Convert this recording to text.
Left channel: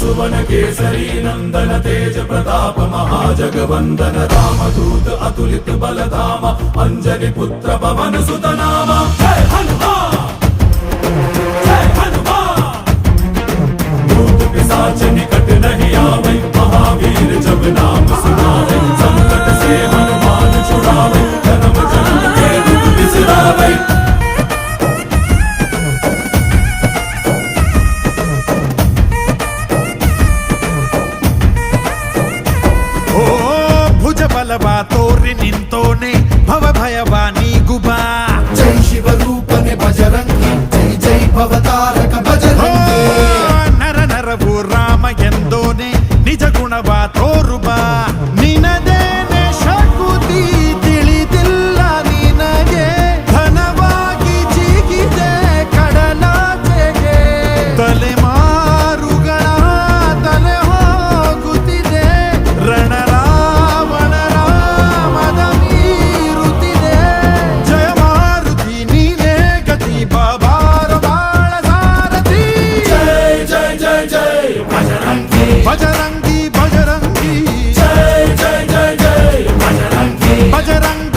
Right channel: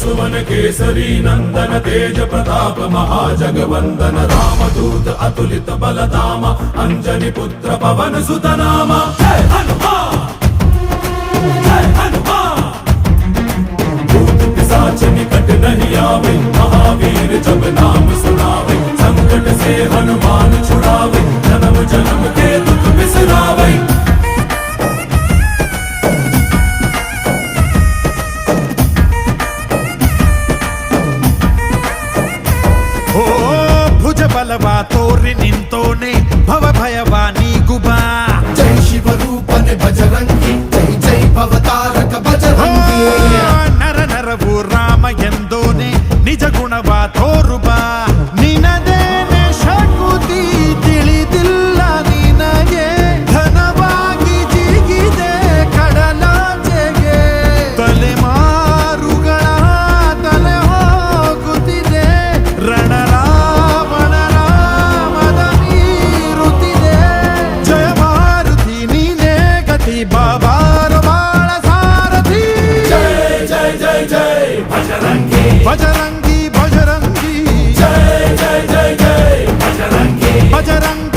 सुवन केसरी नंदन तेज प्रताप महाजगवंदन रामदूत अतुलित बलधाम अंजनी पुत्र पवन सुत नाम जय हनुमान जय हनुमान। भूत पिशाच निकट नहीं आवे महावीर जब नाम सुनावे संकट से हनुमान छुड़ावे जन्म जन्म के दुख बिसरावे। ಓ ಭುಜ ಬಲವಾ ತೋರಿ ನಿಂತೋನೆ ಭವ ಭಯವಾ ನೀಗುಬಾ ಜೈ ಶಿವ ರೂಪನೆ ಬಜರಂಗಿ ಜೈ ಜೈ ಭವತಾರಕ ಬಜರಂಗಿ ನರ ನರವು ರಾಮ ಎಂದೋನೆ ನಿಜ ಗುಣವಾ ತೋರುಬಾ ನಿನದೇನೆ ಶಕುತಿ ತಿಳಿದಿಲ್ಲ ನಿನಗೆ ಘನವಾಗಿ ಜಿಗಿದೆ ಕಡಲಾಚೆಗೆ ತಲೆಮಾರುಗಳ ತಲೆ ಹೋಗುತ್ತಿದೆ ರಣರಾವಣರ ಮದ ಮೀರುತ್ತಿದೆ ಜಯ ಮಾರುತಿ ನೀನೇ ಗತಿ ಬಾಬಾರ ಬಾಳ ಸಾರಥಿ जय जय जय जय बजरंगी ಬಜರಂಗಿ ಬಜರಂಗಿ जय जय जय जय बजरंगी ಬಜರಂಗಿ